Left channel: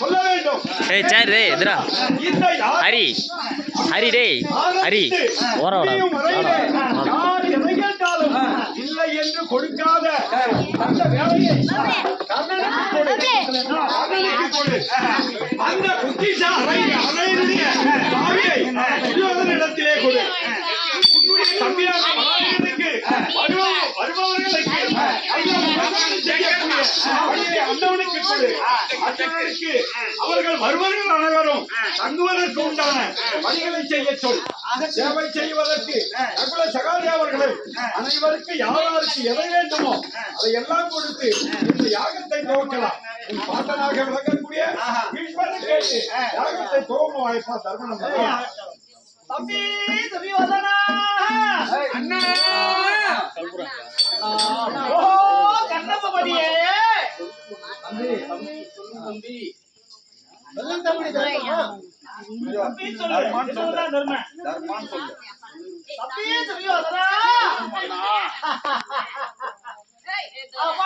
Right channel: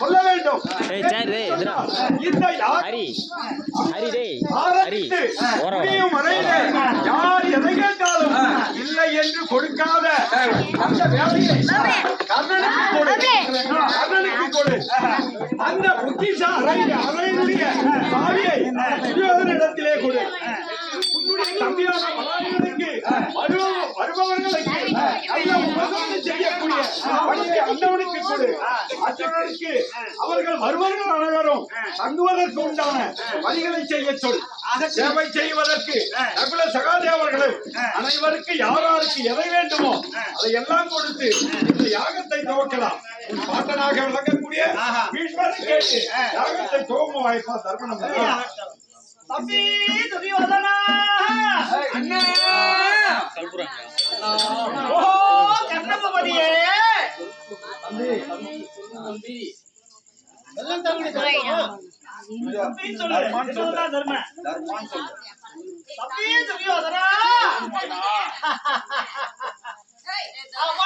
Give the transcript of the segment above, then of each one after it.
சொல்ல வேண்டும். ஹரி ஹரி டேய் ஹரி யார் எதை கேட்டாலும் இல்லை என்று கொடுக்காத அந்த வேலையை கர்ணனுக்கு கொடு. அந்த புத்திசா அறையினுடைய சாவியை துரியோதனிடத்திலே கொடு. உன்னுடைய தம்பியான மகாவீரனுக்கு வருபவர்களுக்கு நல்ல உபதேசம் செய்யக்கூடிய பணியை அந்தவனுக்கு கொடு. அர்ஜுனனுக்கு அவர்கள் வருவர்கள் அனைவரும் தங்குவதற்கு உண்டான பணிகளை செய்ய சொல். சேவை செய்வதற்கு நகுல சகாதேவர்களும் அனைவருக்கு யாராருக்கு எதை வேண்டுமோ அதை எல்லாம் கொடுத்து இந்த யாகத்தை துவக்கலாம். உன் பாட்டனாக விளங்கக்கூடிய பீஷ்மரை கேட்டு யாகத்தை துவங்க வாய்ப்பா தர்மனம். தம்பி துரியோதனா அண்ணே ஓ கர்ணபதியே தம்பி எல்லாம் தமிழ் தம்பி சொல்லு தர்மன் சொல்லு தம்பி துரியோதனா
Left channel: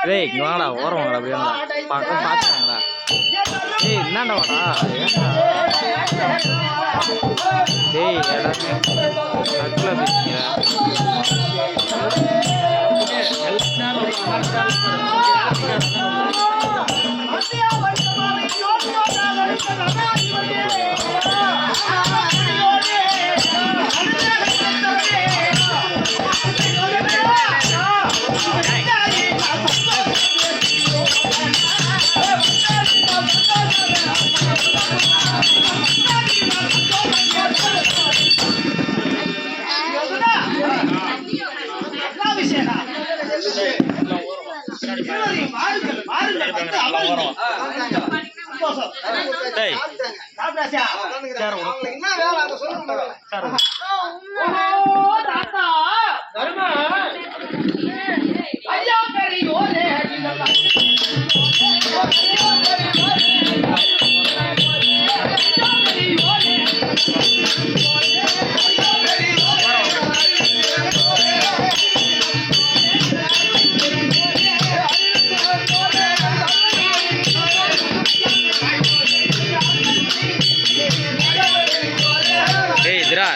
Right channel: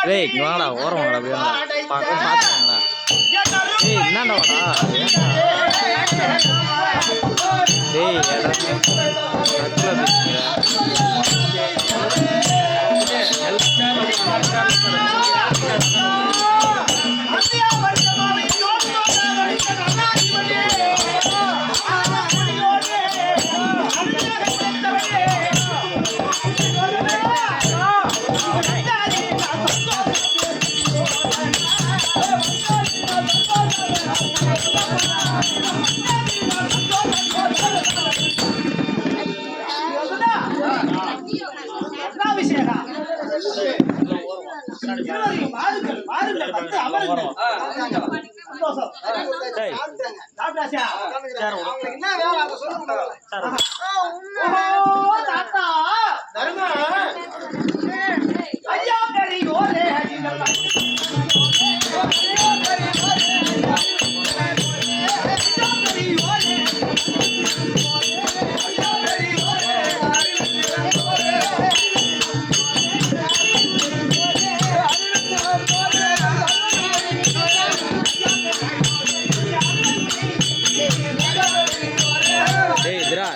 டேய் வாடா ஓரம் வாடா அப்படியே பாத்துங்கடா டேய் என்னடா வாடா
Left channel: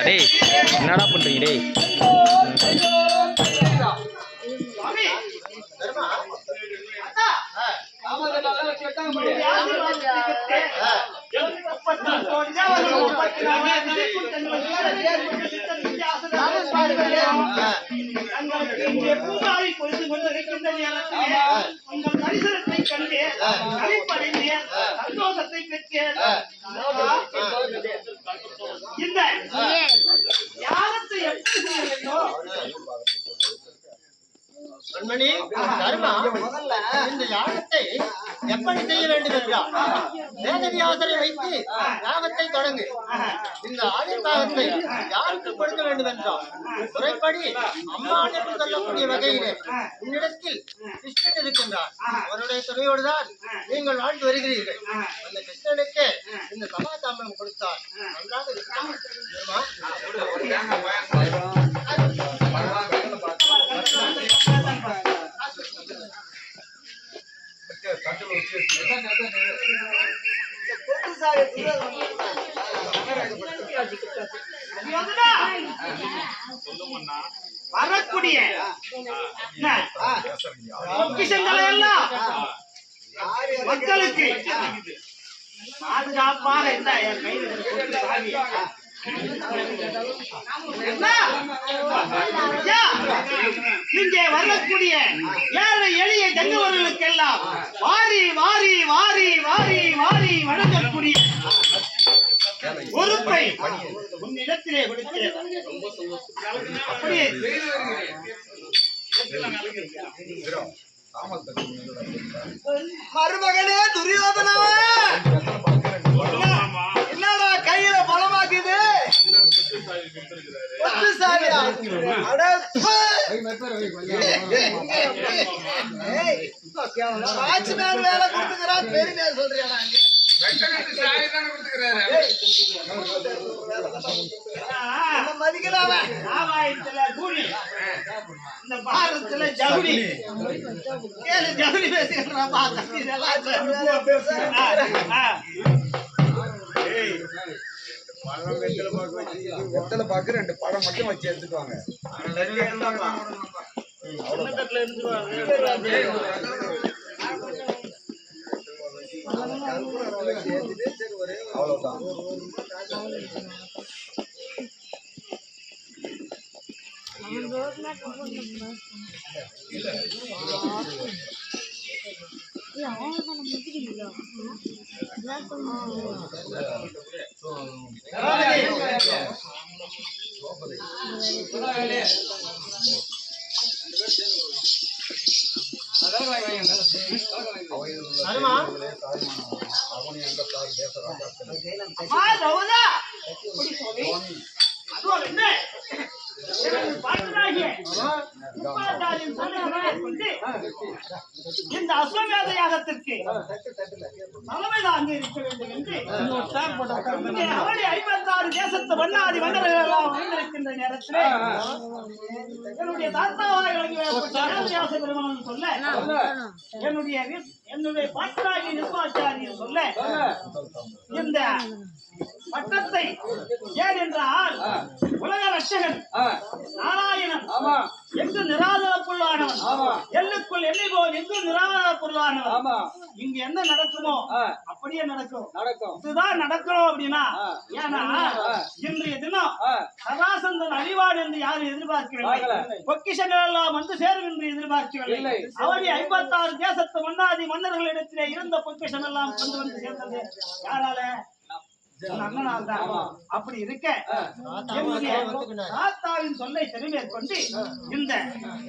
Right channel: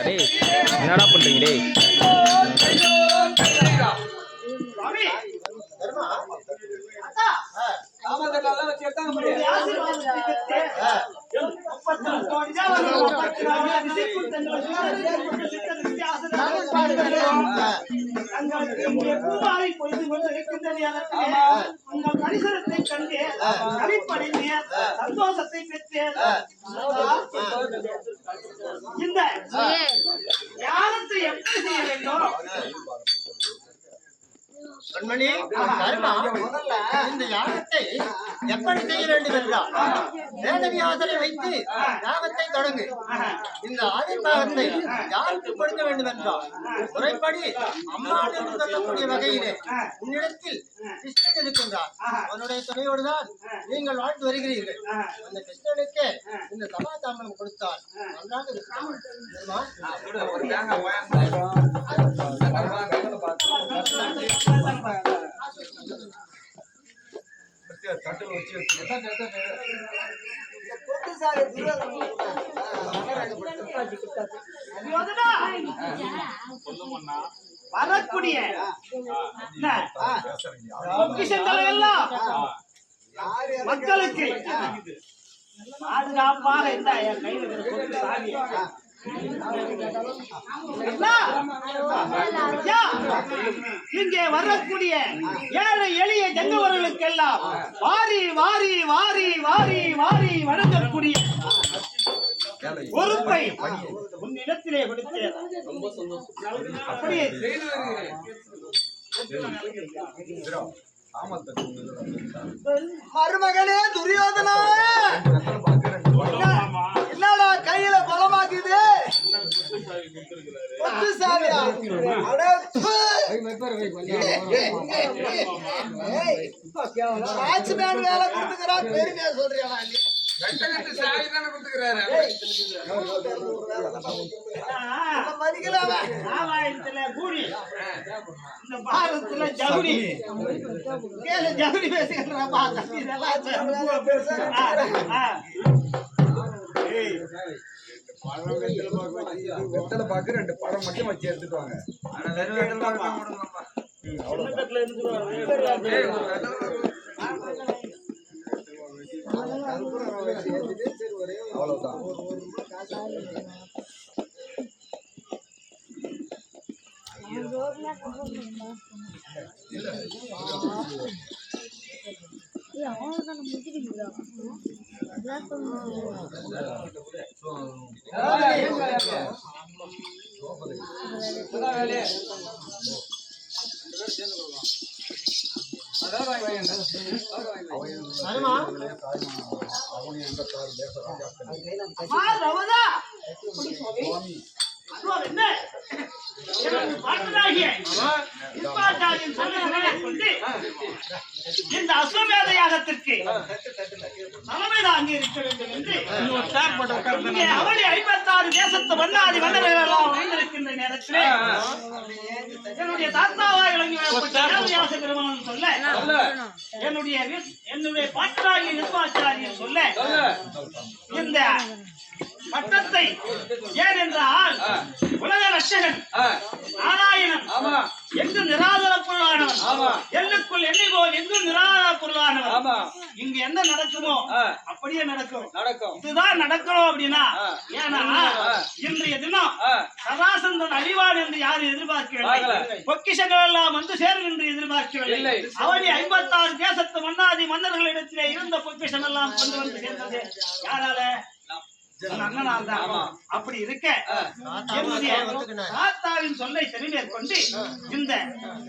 டேய் என்னடா பண்றீங்க டேய் பரிசரத்தை கண்டு அடிப்படையில் சந்தோஷத்தை பெற்றேன். இந்த யாகத்தை எப்படி செய்ய வேண்டும்? கண்மணி தர்மா, இந்த யாகத்தை எப்படி செய்ய வேண்டும் என்றால் வேதவியாசரை வைத்து யாகத்தை தொடங்கு. இந்த ஆதிர்வாகத்தை யாருக்கு கொடுக்க வேண்டும் என்றால் முறைப்படி அம்மாள் என்று சொல்லக்கூடிய வகையிலே உன்னிடத்தில் கிருஷ்ணன் இருக்கின்றார். அவனுடைய துணையோடுதான் நீங்கள் வாழ்ந்து வருகிறீர்கள். அந்த கிருஷ்ணனுக்கு இந்த சமாதானம் கொடுத்தால் நன்றாக இருக்கும். வரக்கூடிய பொக்கிஷங்களை எல்லாம் மக்களுக்கு பாதுகாப்பாக இருந்தா என் கையில் சாமி இங்கே வரக்கூடிய ஏழை எளிய ஜங்கவர்களுக்கெல்லாம் வாரி வாரி வாரி வாரி வாரி வழங்கக்கூடிய பொறுப்பை உன்னிடத்திலே கொடுத்தேன். அப்படியே மருமகனே துரியோதனா, என்னடா கையில பலமாக்குது? வாட்ச்மேன் வேலை கொடுத்துக்கிறான், பெருமையா சொல்றியா? ராமாயணத்துல கூனி, இந்த பாரதத்துல ஜவுளி. கேளு, ஜவுளி பேசுகிறப்பா. வெத்தலை பாக்கு 2 பழம் மட்டும் வச்சு எடுத்துட்டு வாங்க. அவ்வளவுதான். சரிமா இந்த அஸ்வமேத யாகத்திற்கு தலைமை தாங்கி இருக்க வேண்டும் என்று அவளி 56 தேசத்து மன்னாதி மன்னர்கள் எல்லாம் வந்திருக்கின்ற நேரத்திலே என்னுடைய தாத்தாவாய் விளங்கி வேதவியாச பெருமான் சொல்ல, என்னுடைய பாட்டாகி நிர்வாச்சாரியர் சொல்ல, இந்த பட்டத்தை ஏன் என்றால் உலக ரட்சகன் நாராயணன் எங்கு நிராதர பொருளானவன், எல்லுக்குள் எண்ணி போல் எங்கு நிராதர பொருளானவன். இங்கு என்ன நடக்குமோ அப்படியே நடக்கும். இதுதான் நடக்கணும் அப்படின்னா, ஏன்னா இன்றைய தினம் சதாசந்தன் அழிவான் என்று யாரும் எதிர்பார்க்கவில்லை. பொக்கிஷங்கள் எல்லாம் வந்து சேரும் என்று எதிர்பார்க்கவில்லை. அவனி 56 தேசத்து மன்னாதி மன்னர்களிடத்திலே இருந்த பொக்கிஷம் எல்லாம் கொண்டு வந்து சேர்ந்தது யாரால? அப்படி இருக்க தாத்தாவின் சொல்லை செவிமேற்கொண்டு இந்த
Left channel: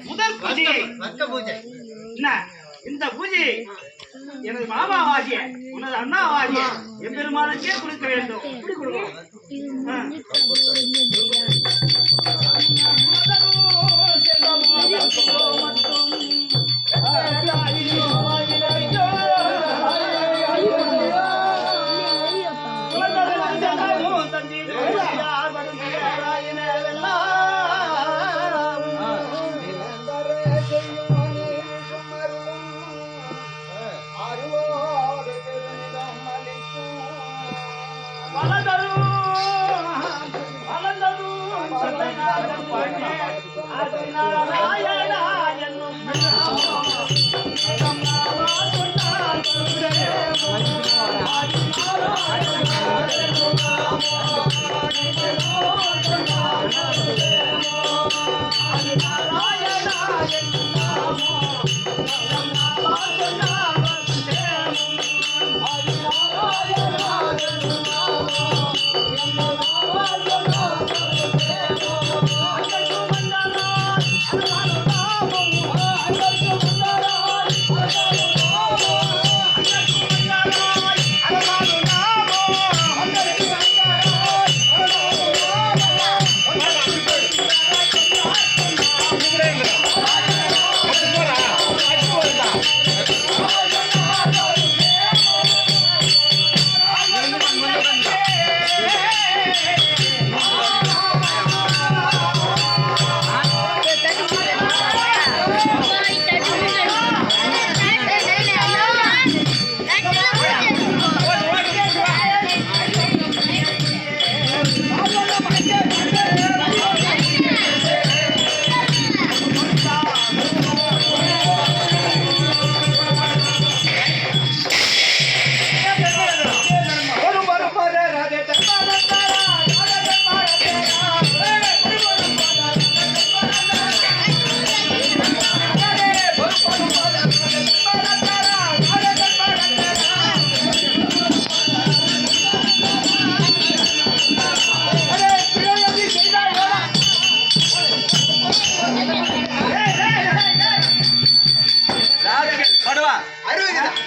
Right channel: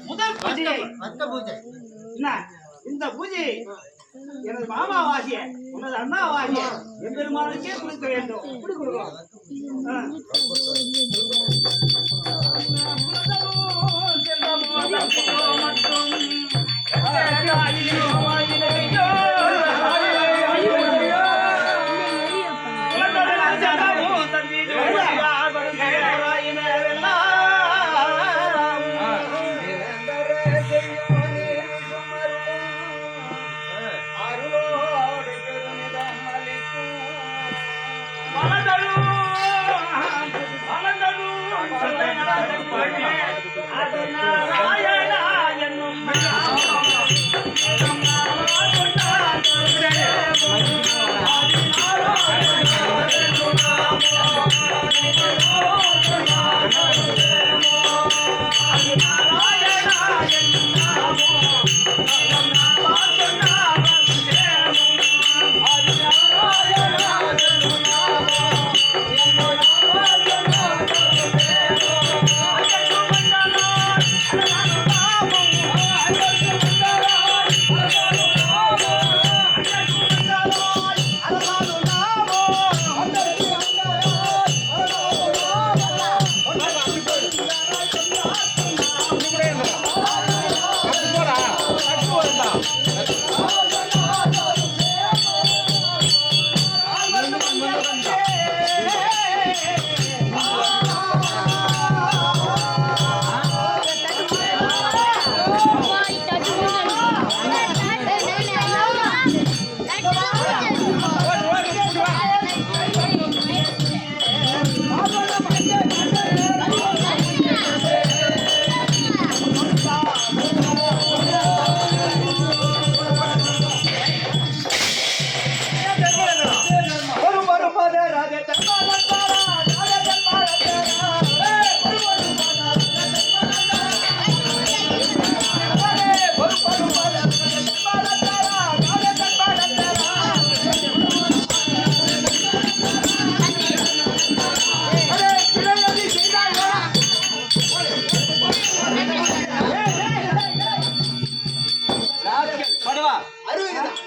முதல் பூஜையை, இந்த பூஜையை எனது மாமாவாகிய உனது அண்ணாவாகிய எம்பெருமானுக்கே கொடுக்க வேண்டும். இப்படி கொடுக்கணும்.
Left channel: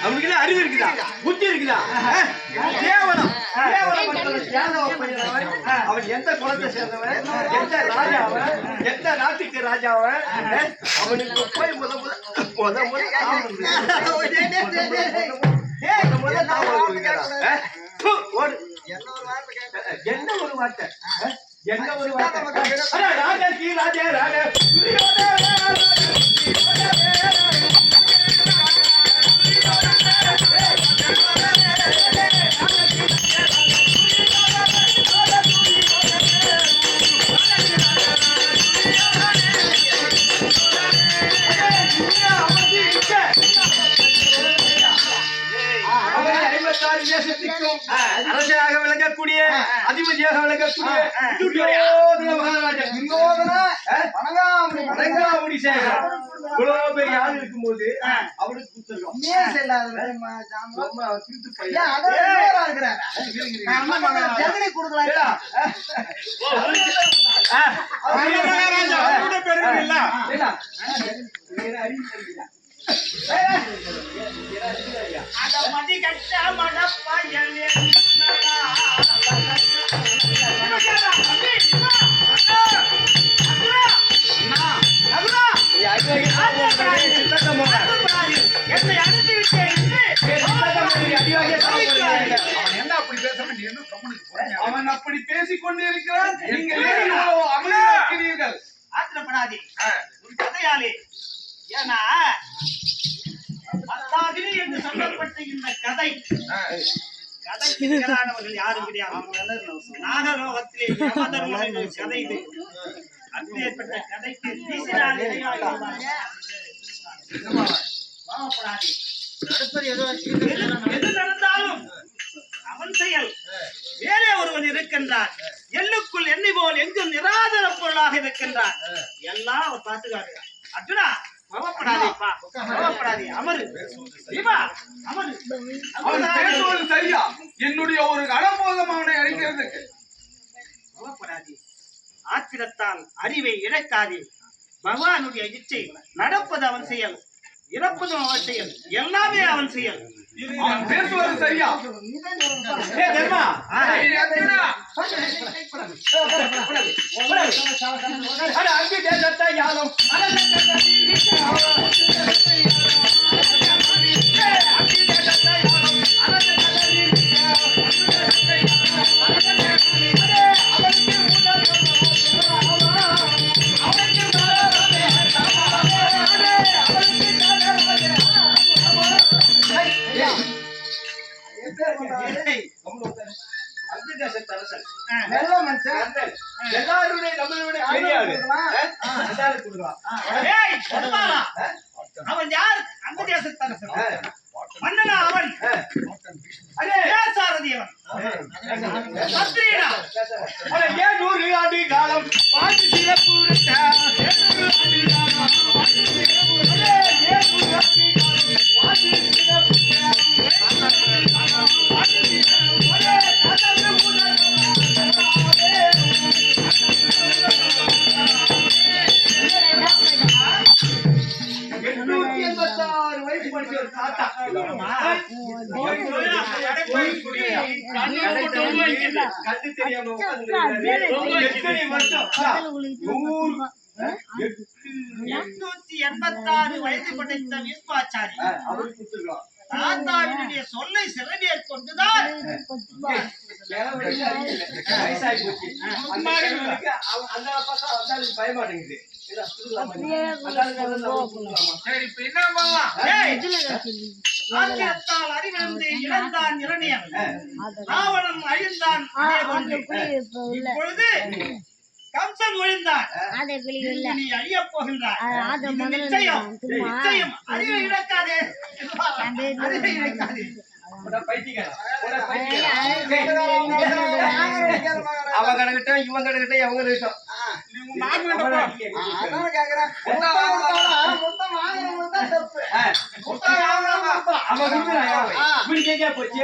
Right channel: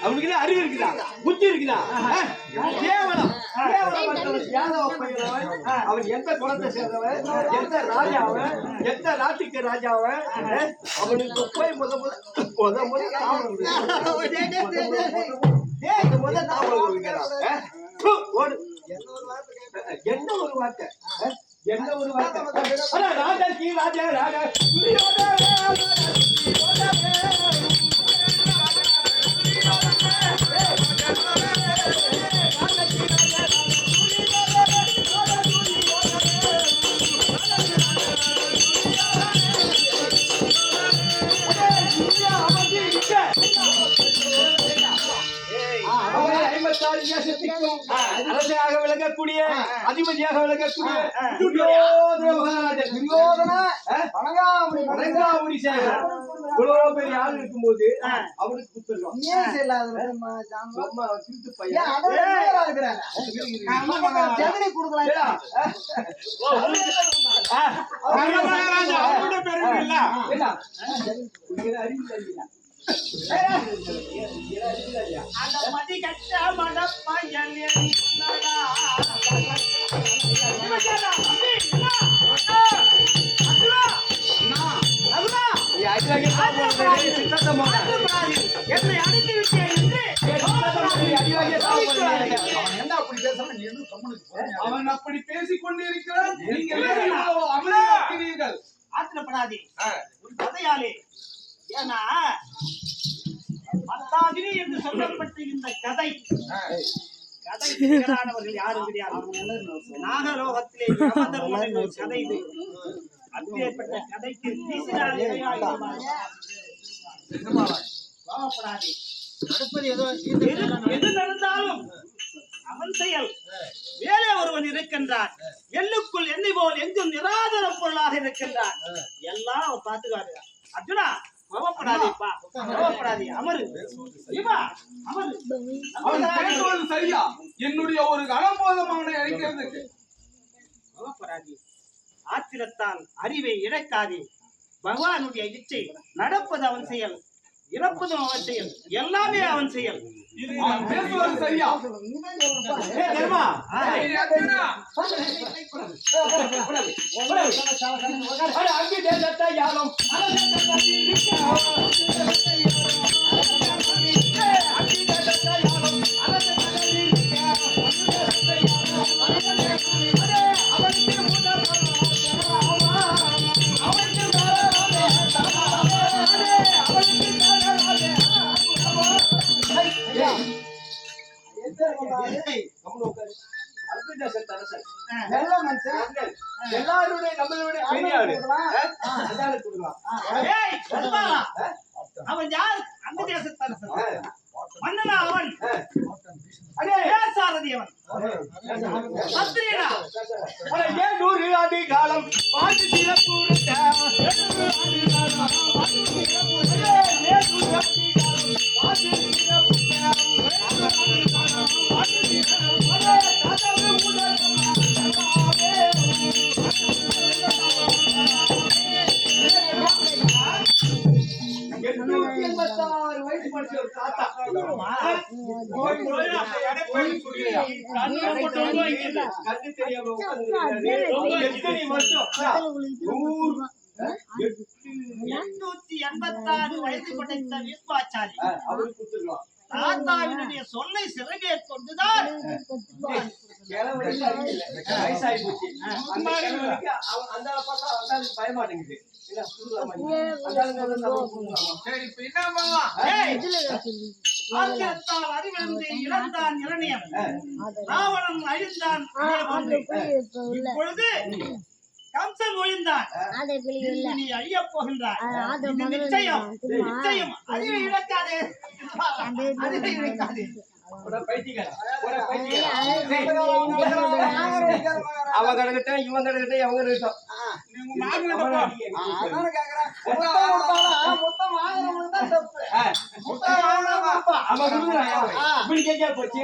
அவனுக்கு அறிவு இருக்குதா, புத்தி இருக்குதா? கேவலம் அவன் எந்த குலத்தை சேர்ந்தவன், எந்த ராஜாவன், எந்த நாட்டுக்கு ராஜாவன், அவனுக்கு போய் முத முத ஓடு. என்ன ஒரு வார்த்தை என்ன ஒரு வார்த்தை அட ராஜாக்கு ராஜா ராஜா அரசாக விளங்கக்கூடிய அதிபதியாக விளங்கக்கூடிய துரியோதன மகாராஜா வணங்காமுடி சேகர் இவ்வளவு பெரிய ஆள் இருக்கும்போது அவனுக்கு குத்துருக்கோம் மதி கட்ட மடப்பயல் என்னை அனுப்பி அவன் அப்படி பேசிக் கொண்டு இருக்கிறான். நீங்கள் ஆத்திரப்படாதே ஒரு கதையாலே. ஏன்னா மத்தாகினி என்று சொல்லப்பட்ட இந்த கதைக்கு நிகரானவர்கள் யாரும் கிடையாது. நாகலோகத்திலே யமதர்மன் என்ற கதை இது. அப்பேற்பட்ட கதைக்கு வீசினாலே வாழப்படாதே. எது நடந்தாலும் அவன் செயல். வேலே ஒருவன் இருக்கின்றான், எள்ளுக்குள் எண்ணெய் போல் எங்கும் நிராதர பொருளாக இருக்கின்றான். எல்லாம் அவர் பார்த்துக்காரு. அர்ஜுனா கோபப்படாதேப்பா, கோபப்படாதே, அமரு தீபா, அமரு. அவன் பேசுவது சரியா? என்னுடைய ஒரு கடம்போதம் அவனை அழிக்கிறதுக்கு. கோபப்படாதே, ஆத்திரத்தால் அறிவை இழக்காதே. பகவானுடைய இச்சை நடப்பது அவன் செயல், இறப்பதும் அவன் செயல், எல்லாமே அவன் செயல். அவன் பேசுவது சரியா? எல்லாருடைய நம்மளுடைய அவன் யார்? அந்த தேசத்தரசன் மன்னனா அவன். சாரதி அவன் சத்திரியனா. ஏன் 100 ஆண்டு காலம் பாட்டு சிறப்பு வயசு படிச்ச ஒரு தாத்தா கண்ணு தெரியாம எத்தனை வருஷம் 886 வயது படைத்த விஸ்வாச்சாரி அவருக்கு கொடுத்துருக்கோம். தாத்தாவினுடைய சொல்லை சிறமேற் கொண்டுதான் வயசாகி போச்சு. அந்த பார்த்தா அந்த பயமாட்டேங்குது. சரி, இப்ப என்ன பண்ணலாம்? ஆத்திரத்தால் அறிவிழந்து இழந்தான் இரணியன், ராவணன் அழிந்தான் அதே போன்று. இப்பொழுது கம்சன் ஒழிந்தான், நீ அழியப் போகின்றாய். இது நிச்சயம், நிச்சயம். அறிவை இழக்காதே, அறிவை இழக்காதே. அவன் கிடக்கட்டும், இவன் கிடக்கட்டும், எவங்க இருக்கட்டும். அவன் போச்சு.